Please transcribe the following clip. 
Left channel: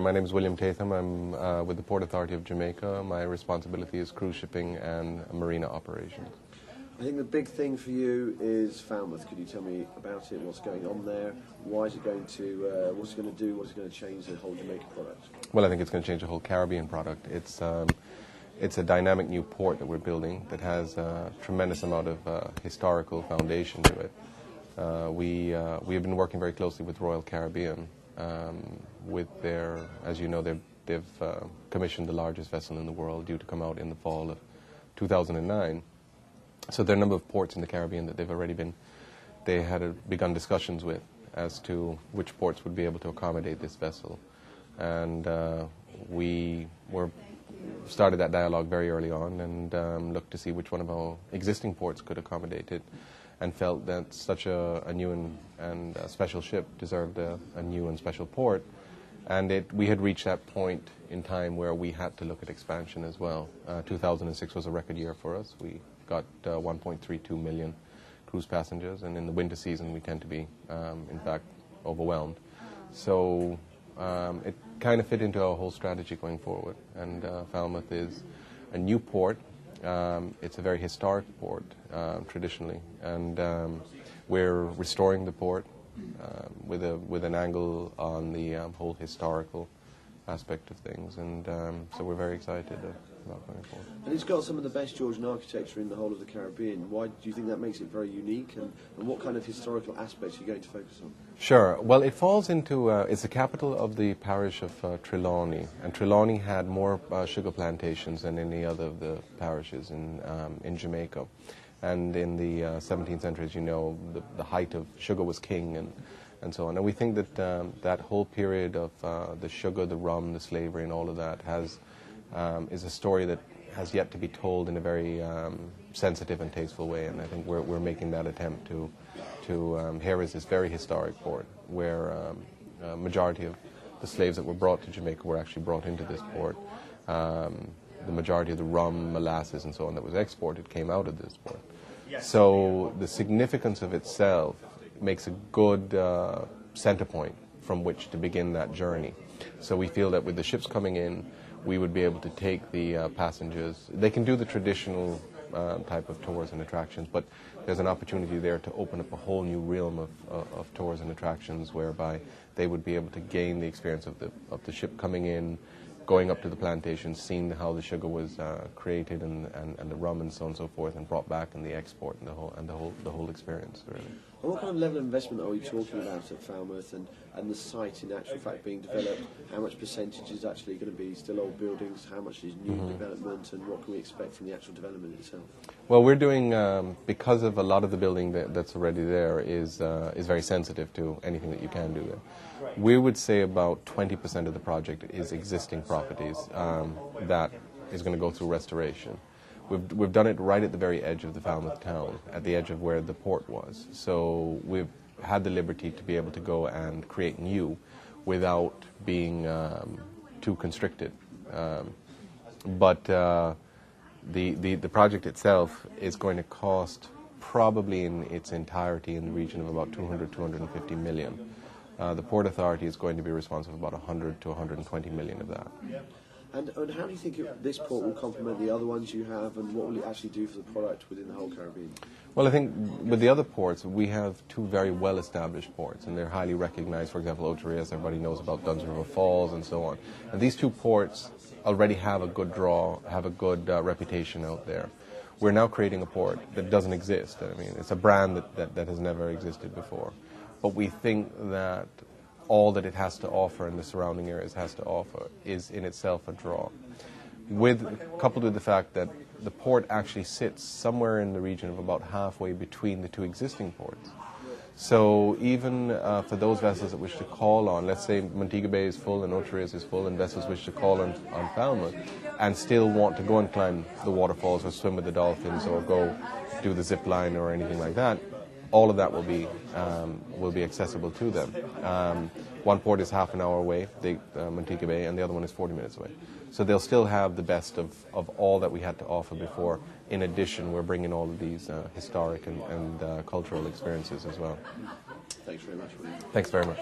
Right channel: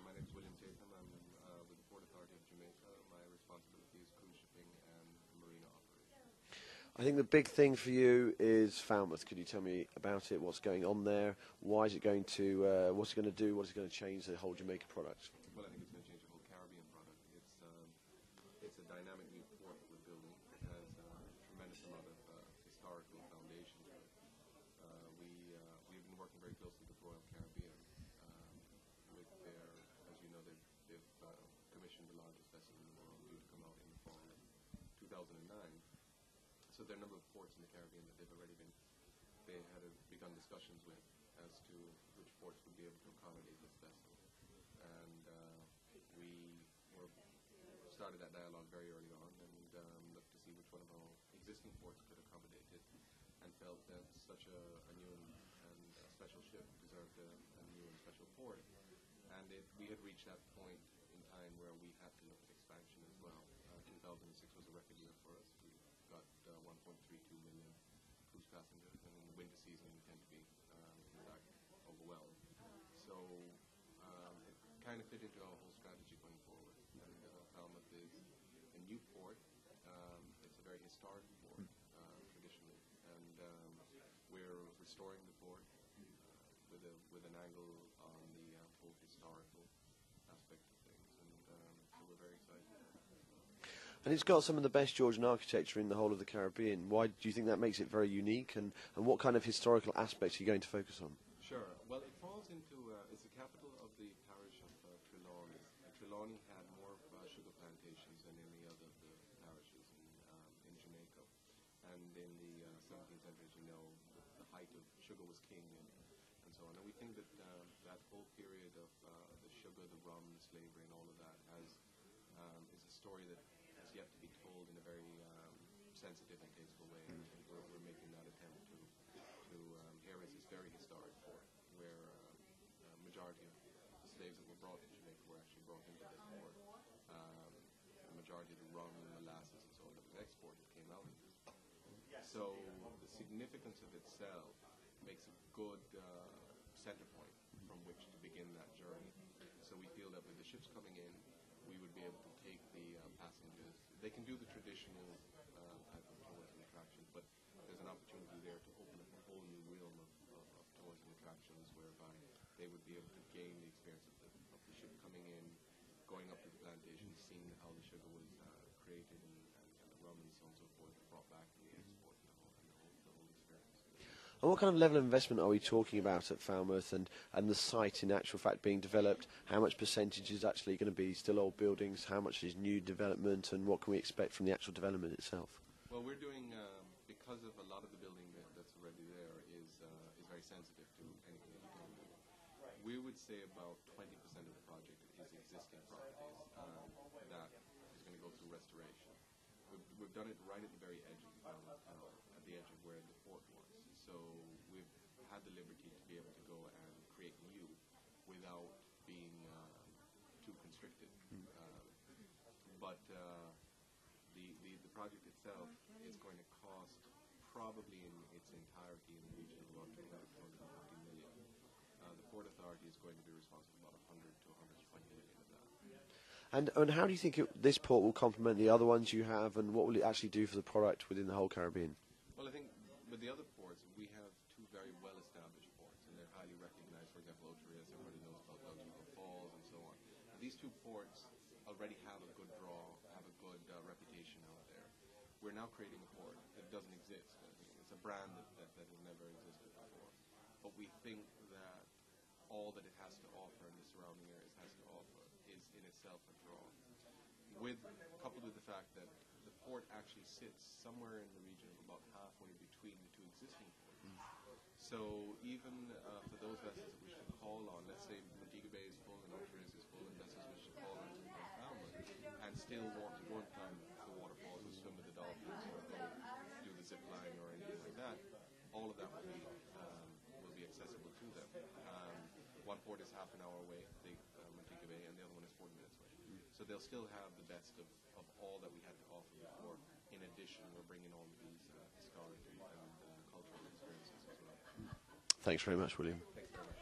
My name is William Tatham. I'm with the Port Authority of Jamaica. My responsibility is cruise shipping and marina operations. I think the big thing for you is Falmouth. Could you tell me about it? What's going on there? Why is it going to? What's it going to do? What's it going to change the whole Jamaica product? Well, I think it's going to change the whole Caribbean product. It's a dynamic new port that we're building that has a tremendous amount of historical foundation to it. We have been working very closely with Royal Caribbean. With their, as you know, they've commissioned the largest vessel in the world, due to come out in the fall of 2009. So there are a number of ports in the Caribbean that they had begun discussions with as to which ports would be able to accommodate this vessel. And we started that dialogue very early on and looked to see which one of our existing ports could accommodate it, and felt that such a new and special ship deserved a new and special port. And we had reached that point in time where we had to look at expansion as well. 2006 was a record year for us. We got 1.32 million cruise passengers, and in the winter season we tend to be, in fact, overwhelmed. So it kind of fit into our whole strategy going forward. And Falmouth is a new port. It's a very historic port, traditionally, and we're restoring the port with an angle on the whole historical aspect of things, and so we're very excited about going forward. And it's got some of the best Georgian architecture in the whole of the Caribbean. Why do you think that makes it very unique, and what kind of historical aspects are you going to focus on? Sure. Well, it falls into, it's the capital of the parish of Trelawney, and Trelawney had more sugar plantations than any other of the parishes in Jamaica. And in the 17th century, as you know, the height of sugar was king, and so on. And we think that that whole period of the sugar, the rum, the slavery, and all of that is a story that has yet to be told in a very sensitive and tasteful way. And I think we're making that attempt to here is this very historic port where a majority of the slaves that were brought to Jamaica were actually brought into this port. The majority of the rum, molasses, and so on that was exported came out of this port. So the significance of itself makes a good center point from which to begin that journey. So we feel that with the ships coming in, we would be able to take the passengers. They can do the traditional type of tours and attractions, but there's an opportunity there to open up a whole new realm of tours and attractions, whereby they would be able to gain the experience of the ship coming in, going up to the plantation, seeing how the sugar was created and the rum and so on and so forth, and brought back in the export and the whole experience, really. And what kind of level of investment are we talking about at Falmouth, and the site in actual fact being developed? How much percentage is actually going to be still old buildings? How much is new development, and what can we expect from the actual development itself? Well, we're doing, because of a lot of the building that's already there is very sensitive to anything that you can do there. We would say about 20% of the project is existing properties that is going to go through restoration. We've done it right at the very edge of the Falmouth town, at the edge of where the port was. So we've had the liberty to be able to go and create new without being too constricted. But the project itself is going to cost, probably in its entirety, in the region of about 250 million. The Port Authority is going to be responsible for about 100 to 120 million of that. And how do you think this port will complement the other ones you have, and what will it actually do for the product within the whole Caribbean? Well, I think with the other ports, we have two very well-established ports, and they're highly recognized. For example, Otereas, everybody knows about Duns River Falls and so on. And these two ports already have a good draw, have a good reputation out there. We're now creating a port that doesn't exist. I mean, it's a brand that has never existed before. But we think that all that it has to offer and the surrounding areas has to offer is in itself a draw. Coupled with the fact that the port actually sits somewhere in the region of about halfway between the two existing ports. So even for those vessels that wish to call on, let's say Montego Bay is full and Otereas is full, and vessels wish to call on Falmouth and still want to go and climb the waterfalls or swim with the dolphins or go do the zip line or anything like that, all of that will be accessible to them. One port is half an hour away, Montego Bay, and the other one is 40 minutes away. So they'll still have the best of all that we had to offer before. In addition, we're bringing all of these historic and cultural experiences as well. Thanks very much, William. Thanks very much.